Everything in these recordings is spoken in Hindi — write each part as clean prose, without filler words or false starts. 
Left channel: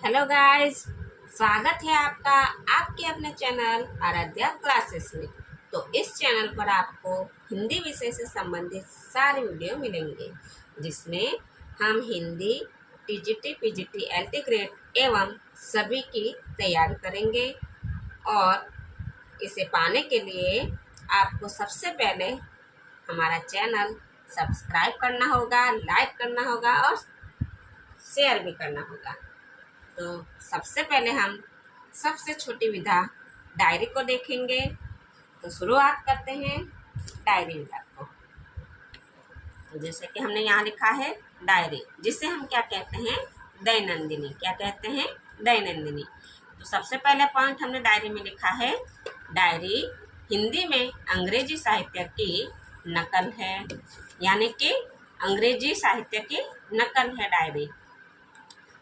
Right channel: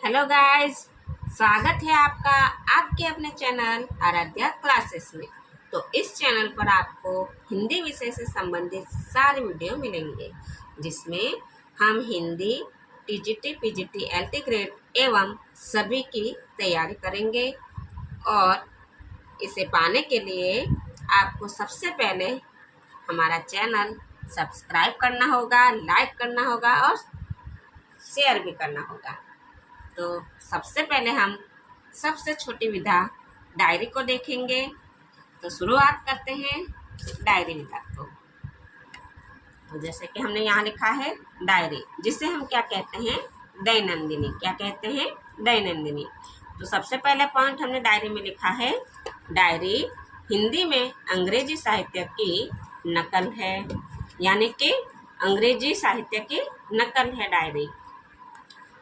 हेलो गाइस, स्वागत है आपका आपके अपने चैनल आराध्या क्लासेस में। तो इस चैनल पर आपको हिंदी विषय से संबंधित सारे वीडियो मिलेंगे, जिसमें हम Hindi TGT, PGT, LT grade एवं सभी की तैयारी करेंगे। और इसे पाने के लिए आपको सबसे पहले हमारा चैनल सब्सक्राइब करना होगा, लाइक करना होगा और शेयर भी करना होगा। तो सबसे पहले हम सबसे छोटी विधा डायरी को देखेंगे। तो शुरुआत करते हैं डायरी विधा को। तो जैसे कि हमने यहाँ लिखा है डायरी, जिसे हम क्या कहते हैं, दैनंदिनी। क्या कहते हैं, दैनंदिनी। तो सबसे पहला पॉइंट हमने डायरी में लिखा है, डायरी हिंदी में अंग्रेजी साहित्य की नकल है। यानी कि अंग्रेजी साहित्य की नकल है डायरी।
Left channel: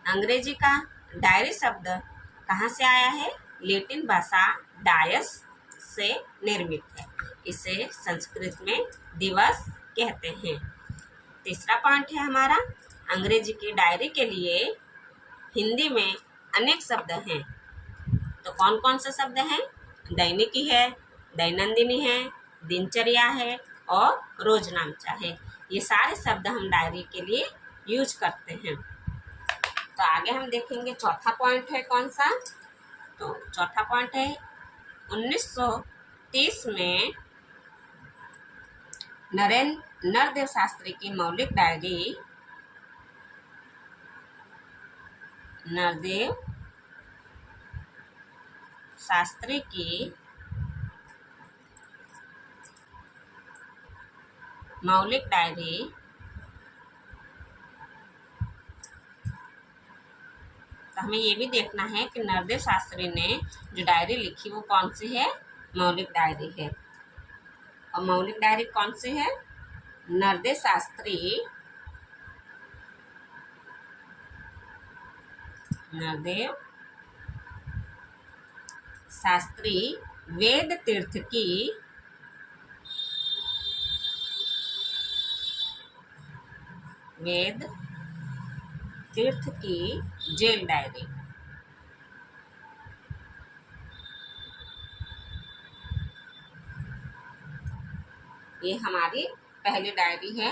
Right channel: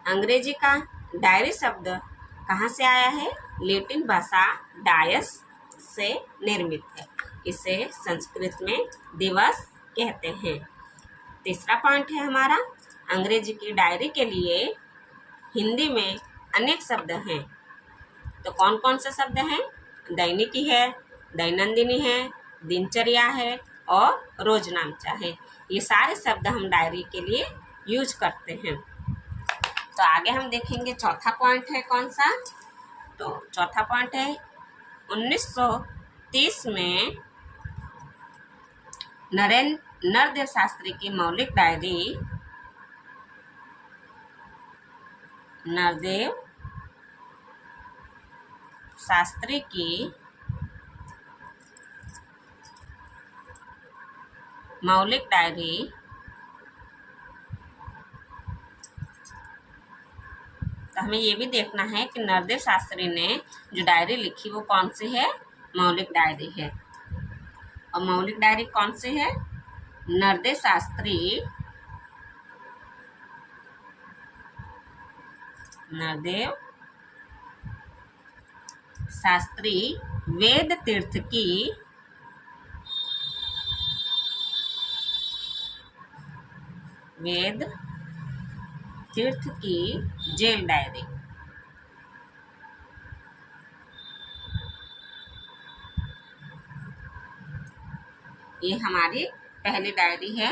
अंग्रेजी का डायरी शब्द कहाँ से आया है? लैटिन भाषा डायस से निर्मित है। इसे संस्कृत में दिवस कहते हैं। तीसरा पॉइंट है हमारा, अंग्रेजी की डायरी के लिए हिंदी में अनेक शब्द हैं। तो कौन कौन से शब्द हैं? दैनिकी है, दैनंदिनी है, दिनचर्या है और रोजनामचा है। ये सारे शब्द हम डायरी के लिए यूज करते हैं। तो आगे हम देखेंगे चौथा पॉइंट है कौन सा। तो चौथा पॉइंट है 1930 में नरदेव शास्त्री की मौलिक डायरी, नरदेव शास्त्री की मौलिक डायरी तो हमें ये भी देखना है कि नरदेव शास्त्री ने जो डायरी लिखी वो कौन सी है, मौलिक डायरी है। और मौलिक डायरी कौन सी है? नरदेव शास्त्री वेद तीर्थ की जेल डायरी। ये हमारी पहली डायरी है,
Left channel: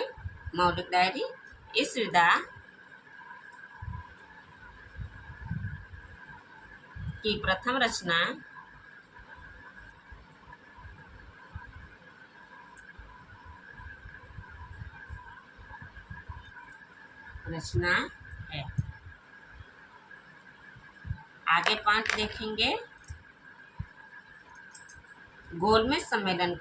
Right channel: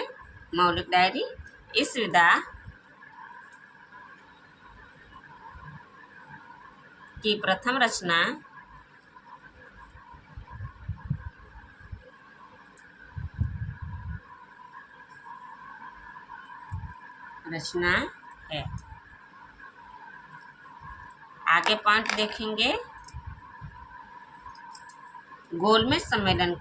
मौलिक डायरी। इस विधा की प्रथम रचना है। आगे पॉइंट देखेंगे, गोलमेज सम्मेलन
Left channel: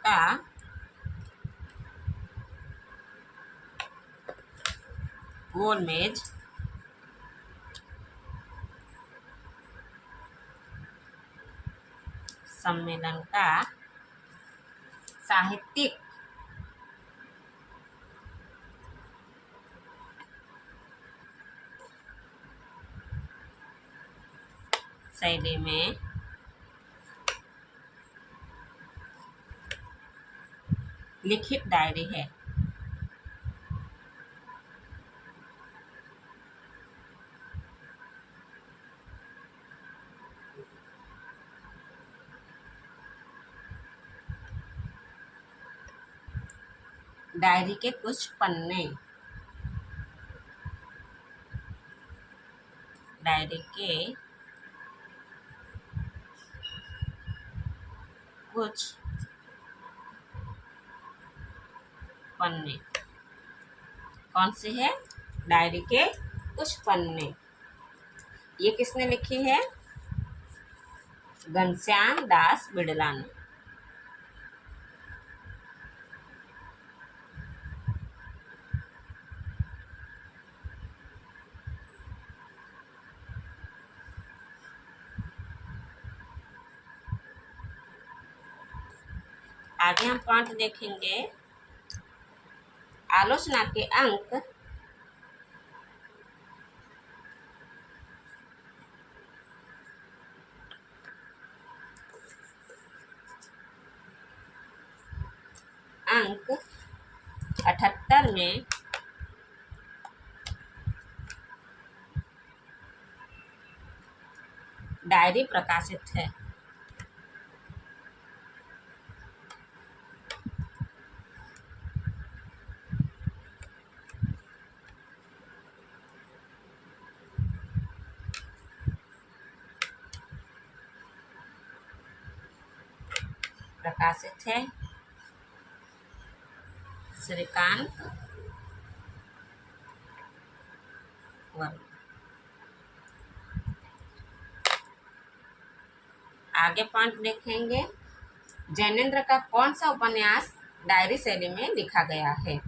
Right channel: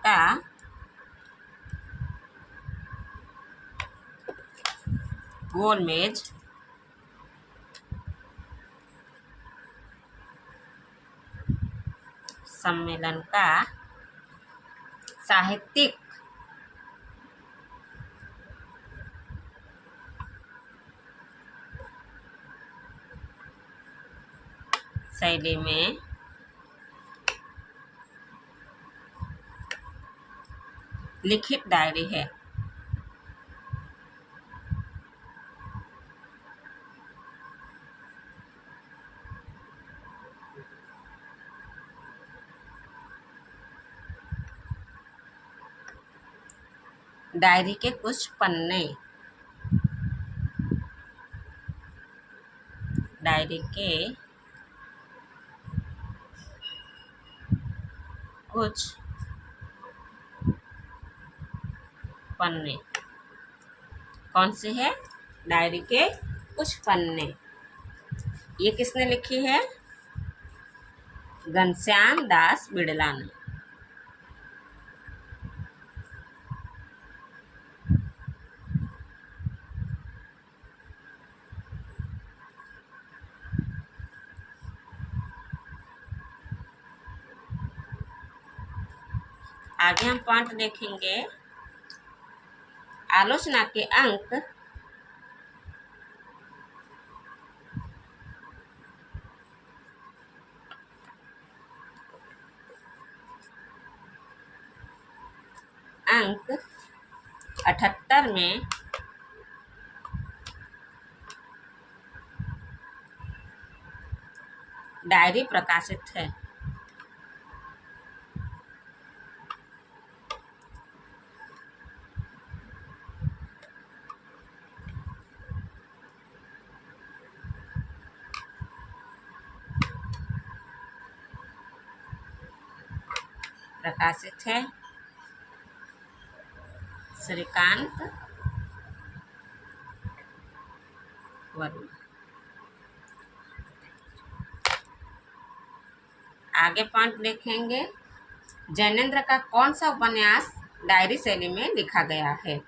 का साहित्यिक शैली में लिखित डायरी है। डायरी के कुछ पन्ने, डायरी के कुछ पन्ने कौन से है? डायरी के कुछ पन्ने। ये किसने लिखी है? घनश्याम दास बिड़ला ने। आगे हम पॉइंट देखेंगे, आलोचना के अंक अंक 78 में डायरी प्रकाशित है? प्रकाशित है श्रीकांत वर्मा। आगे पॉइंट देखेंगे, जैनेन्द्र का कौन सा उपन्यास डायरी शैली में लिखा गया है?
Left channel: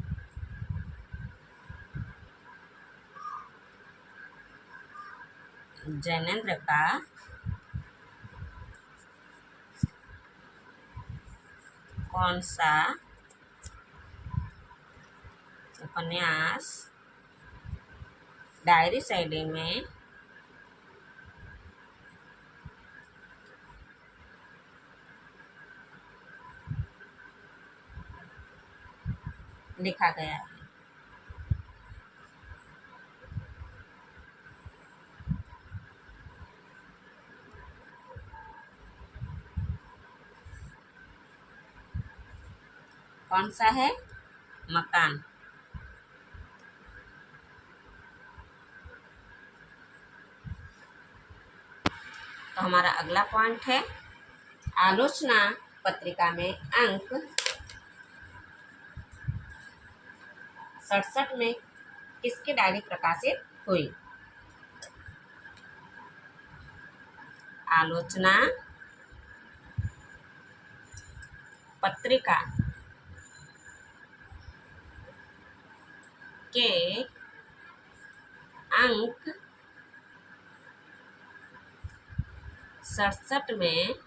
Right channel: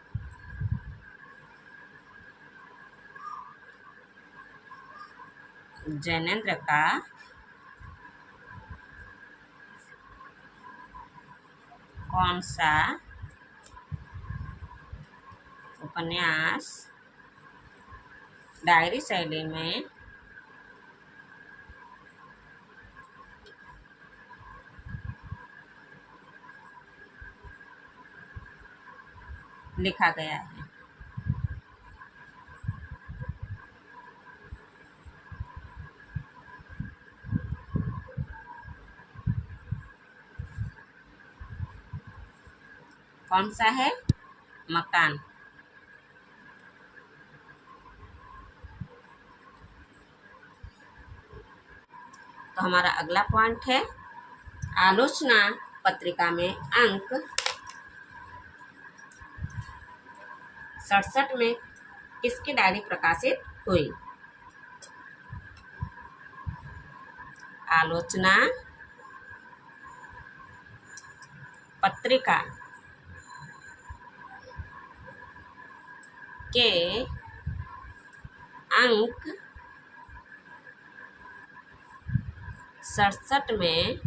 जैनेन्द्र का कौन सा उपन्यास डायरी शैली में लिखा गया है? कौन सा है? मकान। तो हमारा अगला पॉइंट है, आलोचना पत्रिका में अंक 67 में किसकी डायरी प्रकाशित हुई? आलोचना पत्रिका के अंक 67 में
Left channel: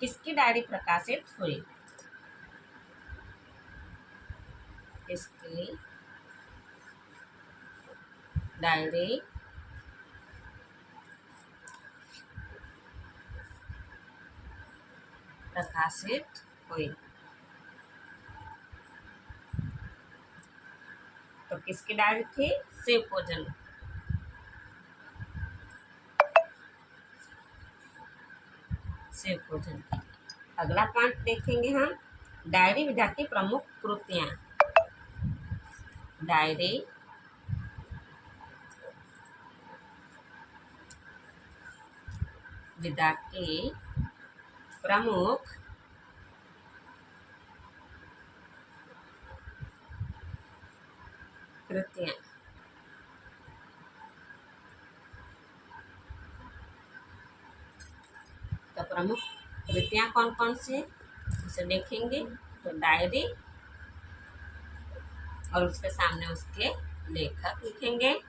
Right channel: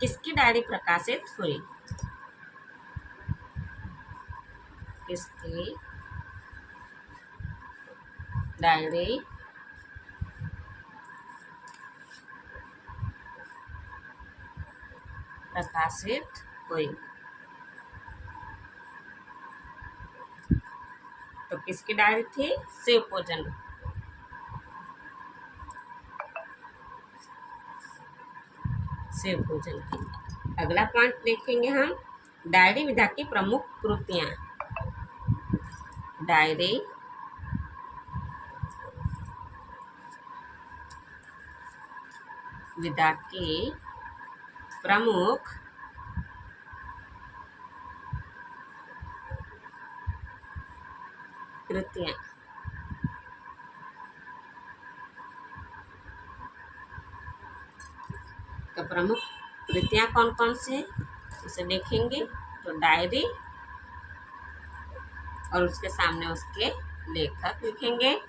किसकी डायरी प्रकाशित हुई? किसकी डायरी प्रकाशित हुई? तो किसकी डायरी थी? शिवभोजन। शिवभोजन की। अगला पॉइंट देखेंगे हम, डायरी विधा की प्रमुख कृतियां। डायरी विधा की प्रमुख कृतियां। तो प्रमुख कृतियां कौन कौन सी उसे देखेंगे। तो डायरी और उसके सामने उसके लेखक लिखेंगे।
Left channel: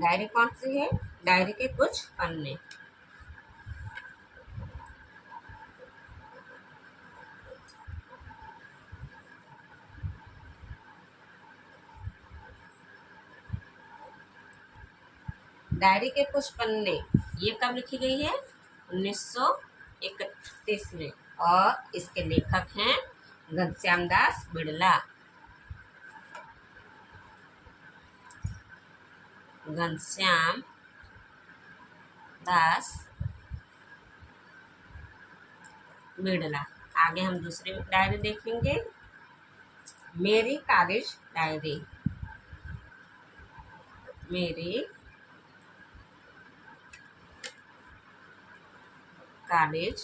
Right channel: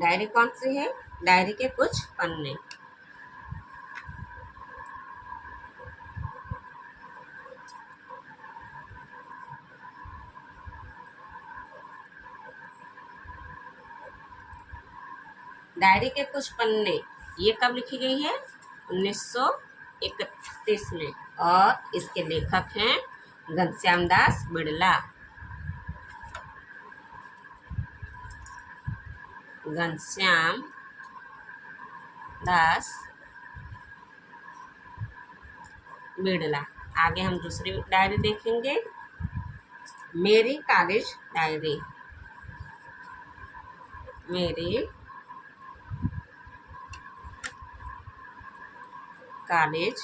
डायरी कौन सी है? डायरी के कुछ पन्ने। डायरी के कुछ पन्ने ये कब लिखी गई है? 1931 में। और इसके लेखक हैं घनश्याम दास बिड़ला। घनश्याम दास बिड़ला। आगे हम दूसरी डायरी देखेंगे, मेरी कॉलेज डायरी। मेरी कॉलेज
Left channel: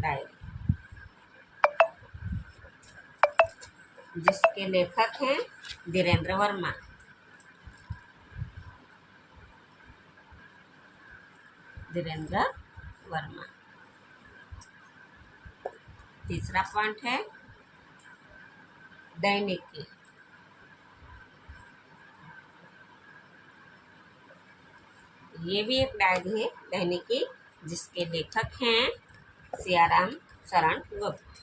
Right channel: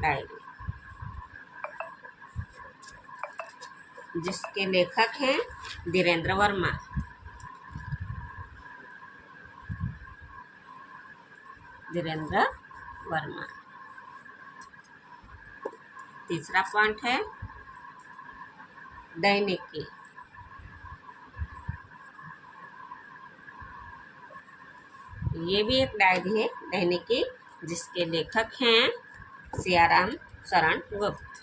डायरी, जिसके लेखक हैं धीरेन्द्र वर्मा। धीरेन्द्र वर्मा। तीसरा पॉइंट है दैनिकी। ये भी एक डायरी है दैनिकी, जिसके लेखक हैं सियाराम शरण गुप्त।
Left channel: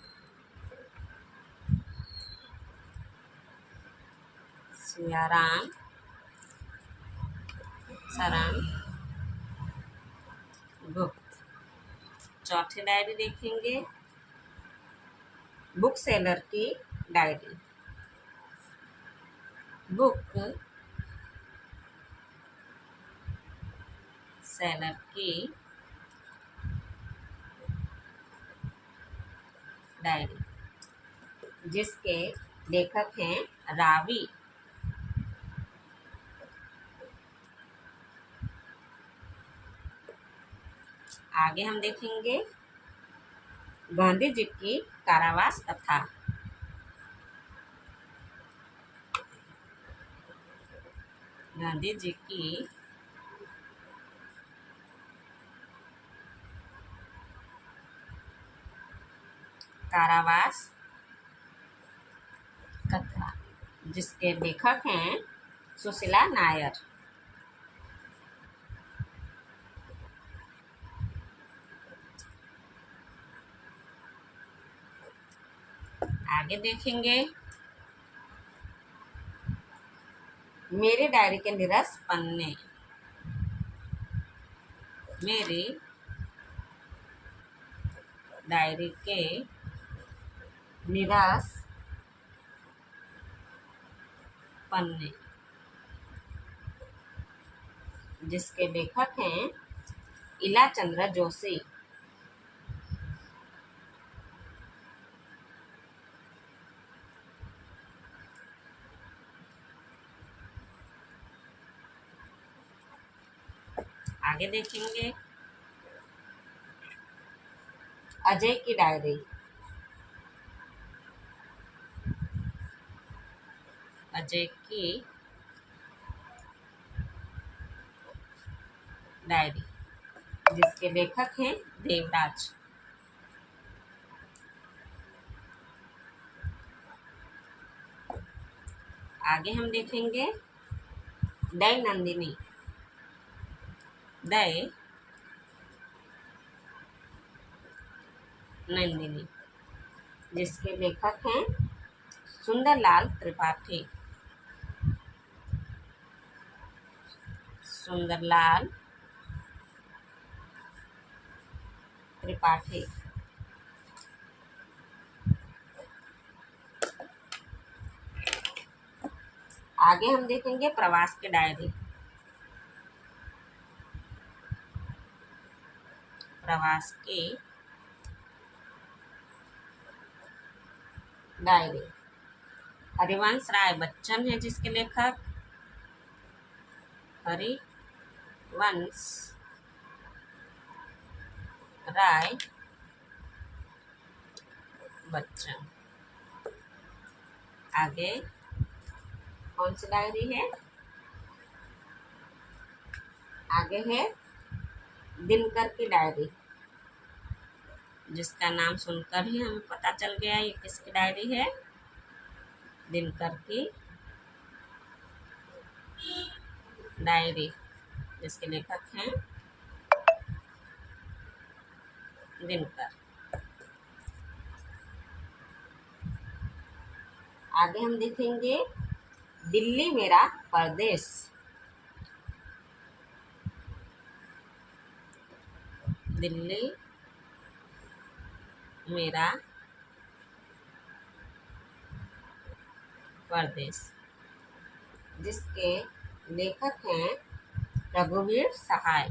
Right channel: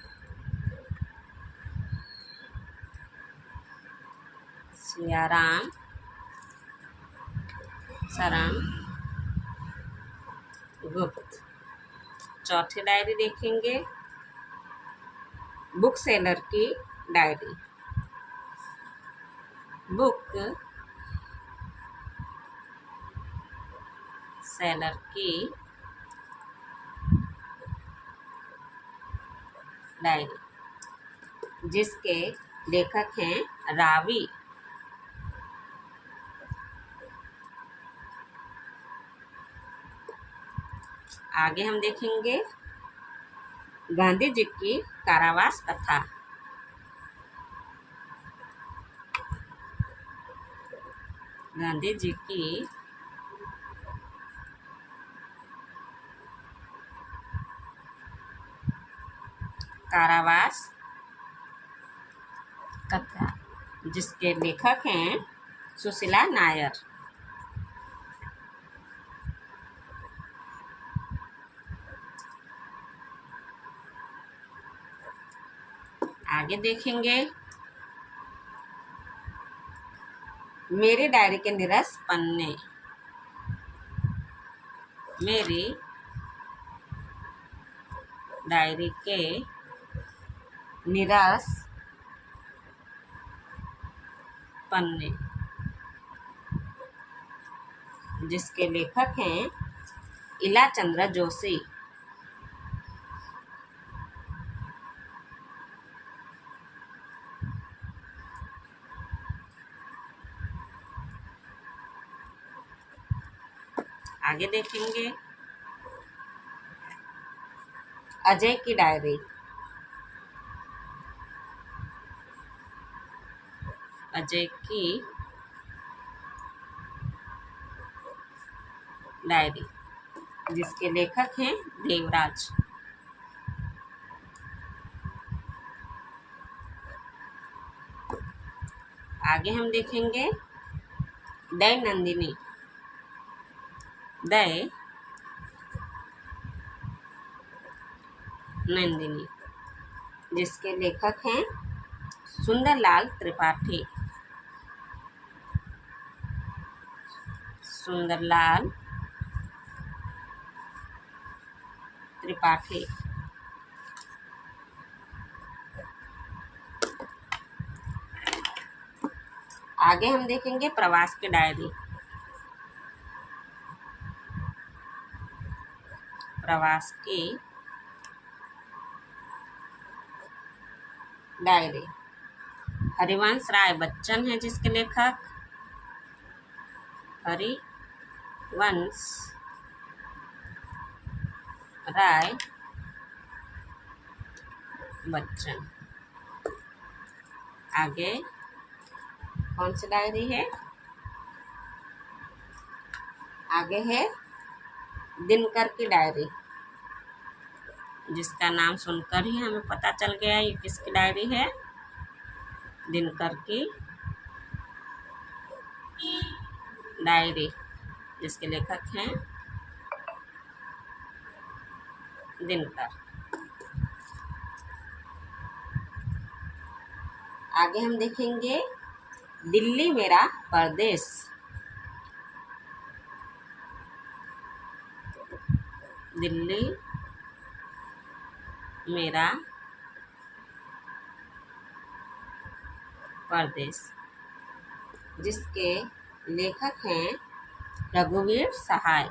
सियाराम शरण गुप्त। चौथी डायरी देखेंगे, बुक सेलर की डायरी। बुक सेलर की डायरी, जिसके लेखक हैं रावी। आगे हम देखेंगे गांधी जी की कारावास कथा। गांधी जी की कारावास कथा, जिसके लेखक हैं सुशीला नायर। आगे देखेंगे मेरी डायरी के निरस पन्ने। मेरी डायरी के निरस पन्ने, जिसके लेखक हैं इला चंद्र जोशी। आगे देखेंगे अजय की डायरी। अजय की डायरी, जिसके लेखक हैं देवराज। आगे हम देखेंगे दैनंदिनी। नंदिनी, जिसके लेखक हैं सुंदरलाल त्रिपाठी। सुंदरलाल त्रिपाठी। आगे हम देखेंगे प्रवास की डायरी। प्रवास की डायरी, हरिवंश राय बच्चन है जिसके लेखक। हरिवंश राय बच्चन। आगे कौन सी डायरी है? आगे है दिनकर की डायरी, जिसका नाम सुनकर ही हमें पता चल गया ये किसकी डायरी है। दिनकर की डायरी, जिसके लेखक हैं दिनकर। आगे हम देखेंगे दिल्ली मेरा परदेश। दिल्ली मेरा परदेश, जिसके लेखक हैं रघुवीर सहाय।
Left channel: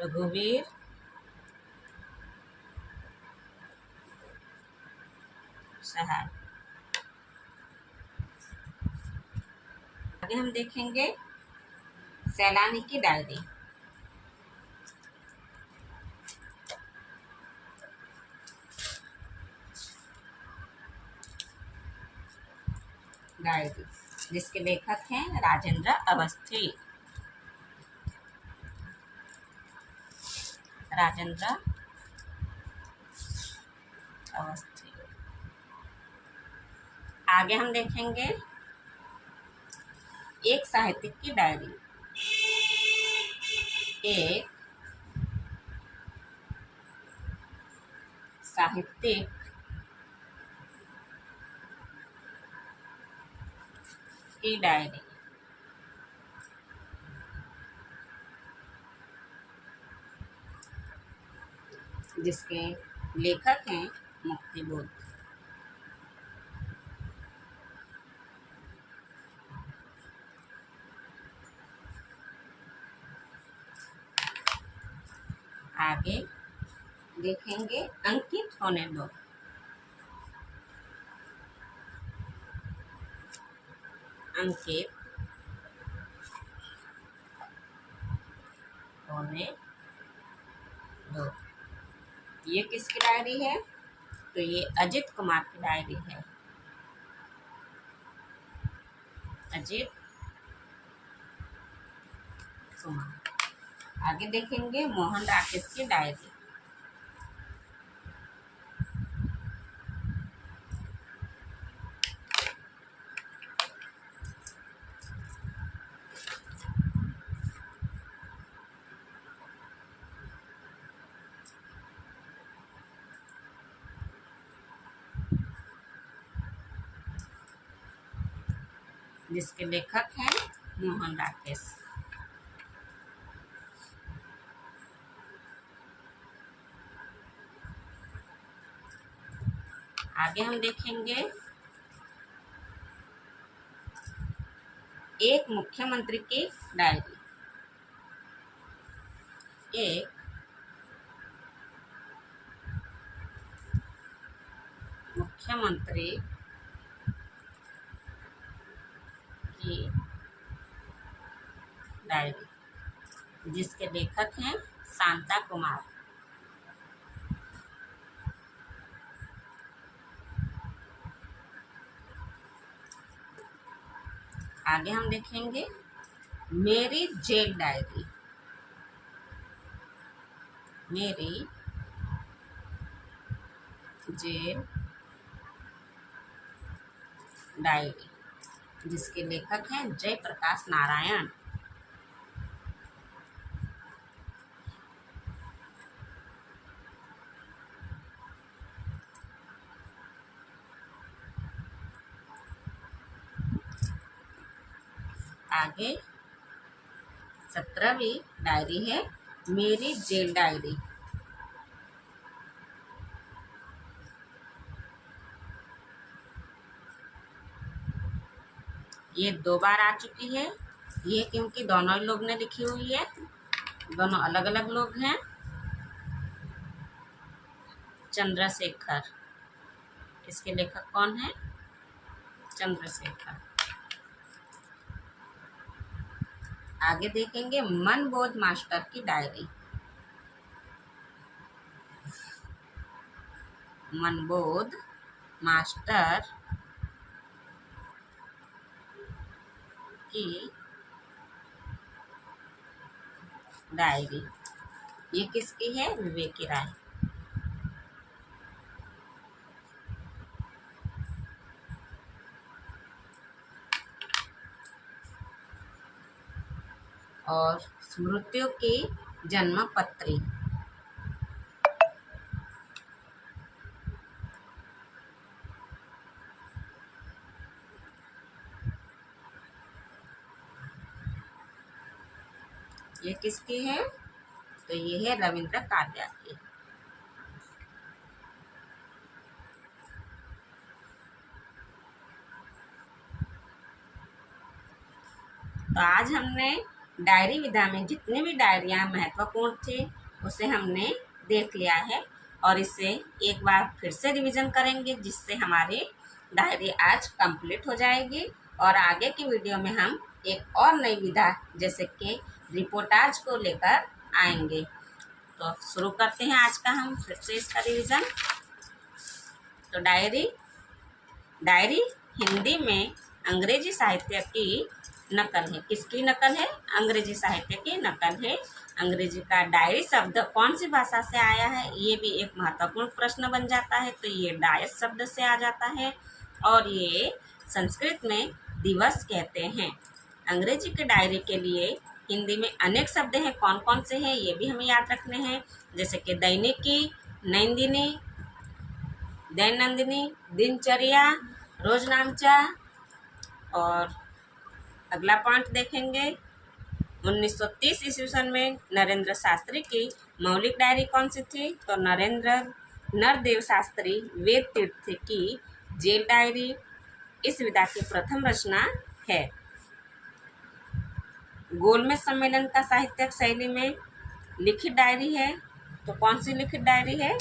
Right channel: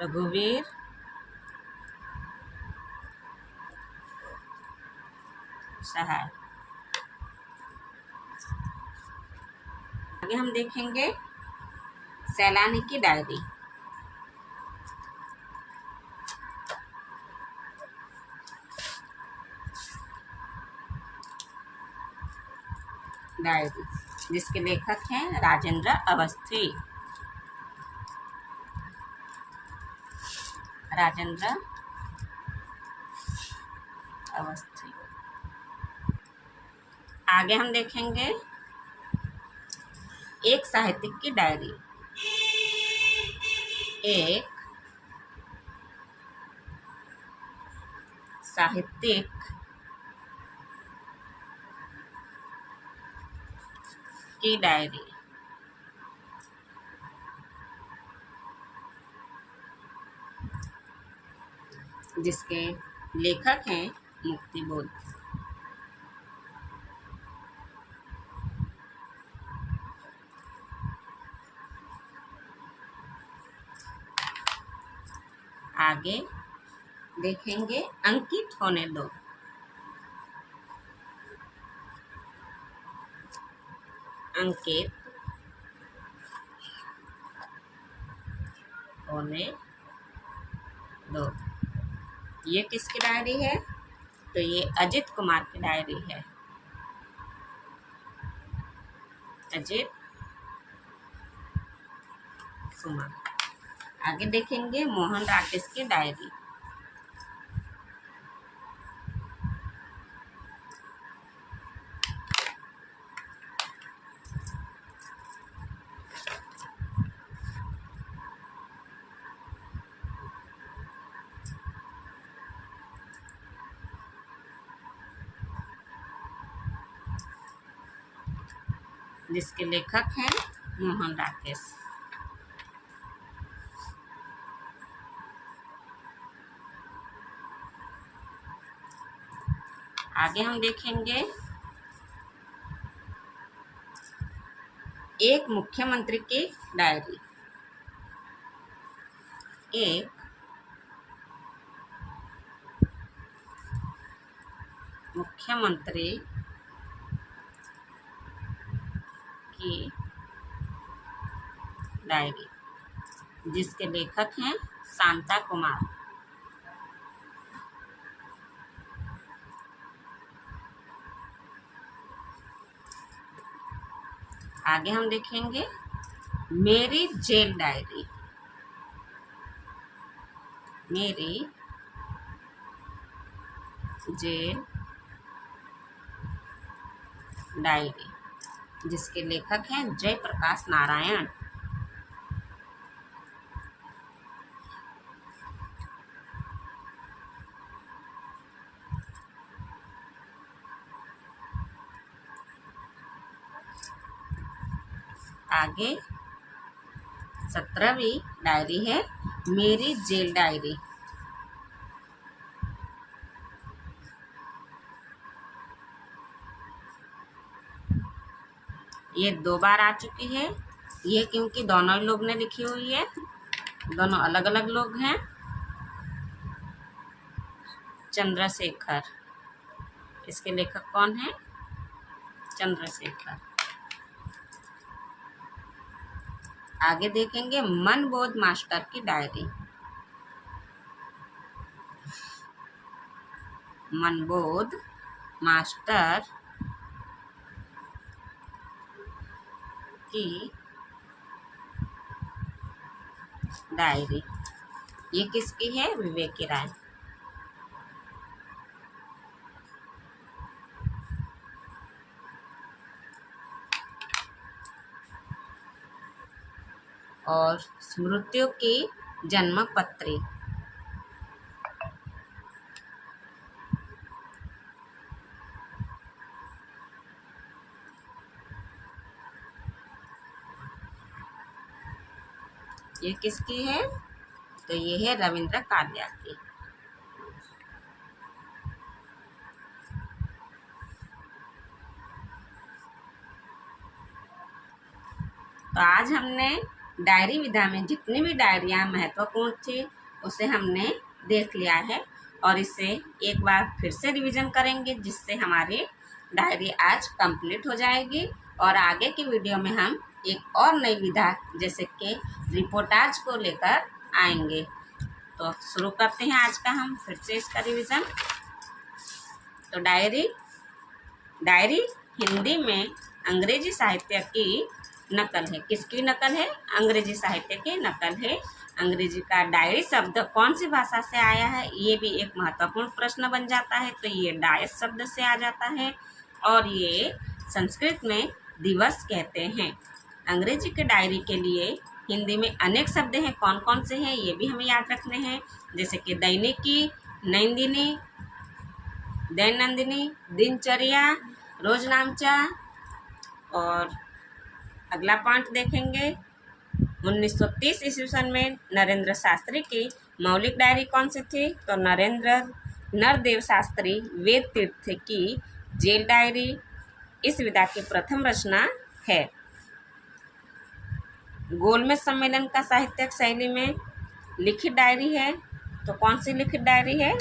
रघुवीर सहाय। आगे हम देखेंगे सैलानी की डायरी। डायरी, जिसके लेखक हैं राजेंद्र अवस्थी। राजेंद्र अवस्थी। आगे हम देखेंगे एक साहित्यिक की डायरी। एक साहित्यिक की डायरी, जिसके लेखक हैं मुक्तिबोध। आगे देखेंगे अंकित होने दो। अंकित होने दो। ये किसकी डायरी है? तो ये अजित कुमार की डायरी है। अजित कुमार। आगे देखेंगे मोहन राकेश की डायरी। जिसके लेखक हैं मोहन राकेश। आगे हम देखेंगे एक मुख्यमंत्री की डायरी। एक मुख्यमंत्री की डायरी, जिसके लेखक हैं शांता कुमार। आगे हम देखेंगे मेरी जेल डायरी। मेरी जेल डायरी, जिसके लेखक हैं जयप्रकाश नारायण। आगे 17वीं डायरी है मेरी जेल डायरी। ये 2 बार आ चुकी है। ये क्योंकि दोनों लोग ने लिखी हुई है, दोनों अलग अलग लोग हैं। चंद्रशेखर, इसके लेखक कौन है? चंद्रशेखर। आगे देखेंगे मनबोध मास्टर की डायरी। मनबोध मास्टर की डायरी। ये किसकी है? विवेकी राय। और स्मृतियों की जन्मपत्री। ये किसकी है? तो ये है रविंद्र कालिया की। तो आज हमने डायरी विधा में जितनी भी डायरियाँ महत्वपूर्ण थी उसे हमने देख लिया है, और इसे एक बार फिर से रिवीजन करेंगे, जिससे हमारी डायरी आज कंप्लीट हो जाएगी। और आगे की वीडियो में हम एक और नई विधा जैसे कि रिपोर्टाज को लेकर आएंगे। तो शुरू करते हैं आज का हम फिर से इसका रिवीजन। तो डायरी हिंदी में अंग्रेजी साहित्य की नकल है। किसकी नकल है? अंग्रेजी साहित्य की नकल है। अंग्रेजी का डायरी शब्द कौन सी भाषा से आया है, ये भी एक महत्वपूर्ण प्रश्न बन जाता है। तो ये डायस शब्द से आ जाता है, और ये संस्कृत में दिवस कहते हैं। अंग्रेजी के डायरी के लिए हिंदी में अनेक शब्द हैं। कौन कौन से हैं ये भी हमें याद रखने हैं, जैसे कि दैनिकी, नंदिनी, दैनंदिनी, दिनचर्या, रोजनामचा। और अगला पॉइंट देखेंगे 1930 ईस्वी सन में नरेंद्र शास्त्री की मौलिक डायरी कौन सी थी? तो नरदेव शास्त्री वेद तीर्थ की जेल डायरी इस विधा की प्रथम रचना है। गोलमेज सम्मेलन का साहित्यिक शैली में लिखित डायरी है। तो कौन सी लिखित डायरी है?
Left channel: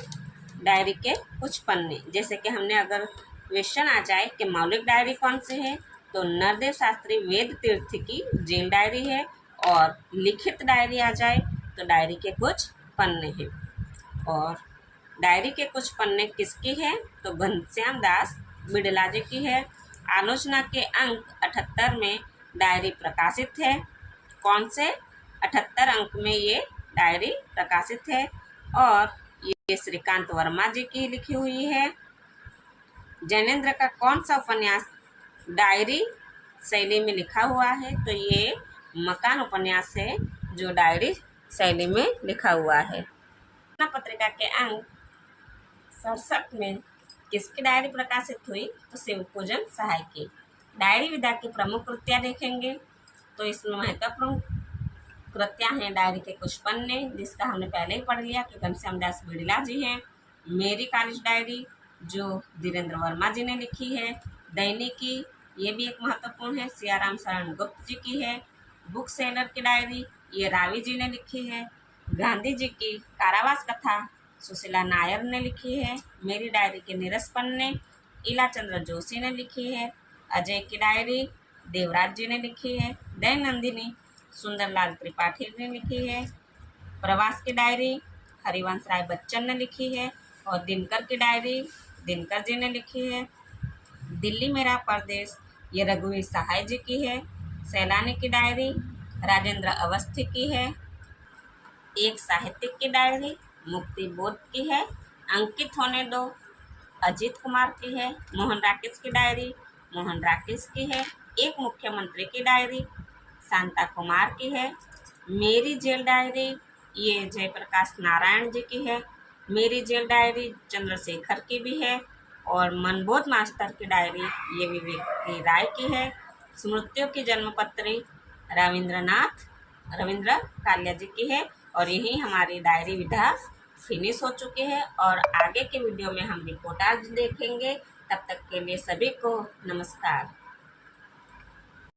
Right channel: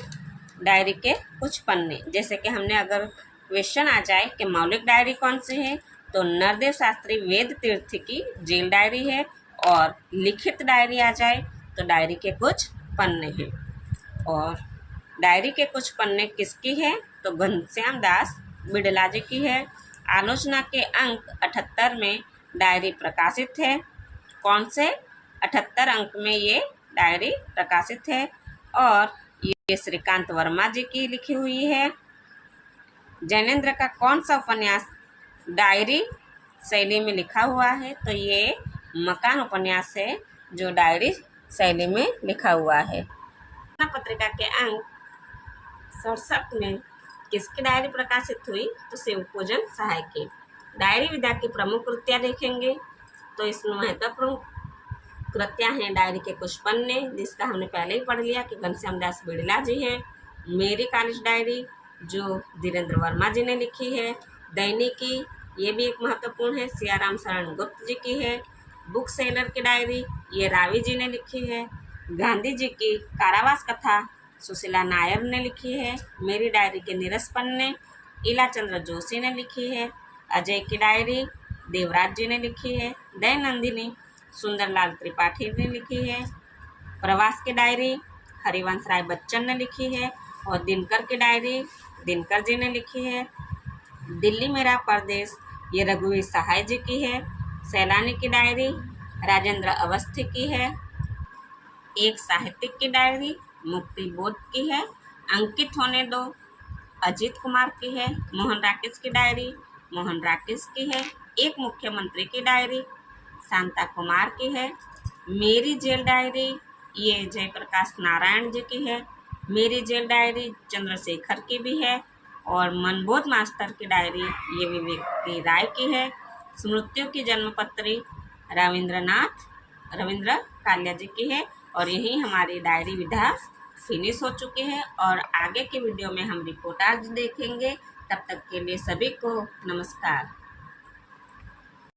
डायरी के कुछ पन्ने। जैसे कि हमने अगर क्वेश्चन आ जाए कि मौलिक डायरी कौन सी है, तो नरदेव शास्त्री वेद तीर्थ की जेल डायरी है। और लिखित डायरी आ जाए तो डायरी के कुछ पन्ने हैं। और डायरी के कुछ पन्ने किसकी है? तो घनश्याम दास बिड़ला जी की है। आलोचना के अंक 78 में डायरी प्रकाशित है। कौन से? 78 अंक में ये डायरी प्रकाशित है। और ये श्रीकांत वर्मा जी की लिखी हुई है। जैनेन्द्र का कौन सा उपन्यास डायरी शैली में लिखा हुआ है? तो ये मकान उपन्यास है जो डायरी शैली में लिखा हुआ है। पत्रिका के अंक 67 में किसकी डायरी प्रकाशित हुई? तो शिव पूजन सहाय की। डायरी विधा की प्रमुख कृतियाँ देखेंगे तो इसमें महत्वपूर्ण कृतियाँ हैं डायरी के कुछ पन्ने, जिसका हमने पहले ही पढ़ लिया कि घनश्याम दास बिड़ला जी हैं। मेरी कॉलेज डायरी जो धीरेन्द्र वर्मा जी ने लिखी है। दैनिकी ये भी एक महत्वपूर्ण है, सियाराम शरण गुप्त जी की है। बुक सेलर की डायरी ये रावी जी ने लिखी है। गांधी जी की कारावास कथा सुशीला नायर ने लिखी है। मेरी डायरी के नीरस पन्ने इला चंद्र जोशी ने लिखी है। अजय की डायरी देवराज जी ने लिखी है। दैनंदिनी सुंदरलाल त्रिपाठी ने लिखी है। प्रवास की डायरी हरिवंश राय बच्चन ने लिखी है। और दिनकर की डायरी दिनकर जी ने लिखी है। दिल्ली मेरा परदेश ये रघुवीर सहाय जी की है। सैलानी की डायरी राजेंद्र अवस्थी की है। एक साहित्यिक की डायरी मुक्ति बोध की है। अंकित होने दो अजीत कुमार की है। मोहन राकेश की डायरी मोहन राकेश की है। एक मुख्यमंत्री की डायरी शांता कुमार की है। मेरी जेल डायरी ये जयप्रकाश नारायण जी की है। मेरी जेल डायरी चंद्रशेखर की भी है। और मनबोध मास्टर की डायरी ये विवेक की राय की है। स्मृतियों की जन्मपत्री रविंद्र कालिया जी की है। और यही हमारी डायरी विधा फिनिश हो चुकी है। और आगे के वीडियो में हम रिपोर्टाज देखेंगे। तब तक के लिए सभी को नमस्कार।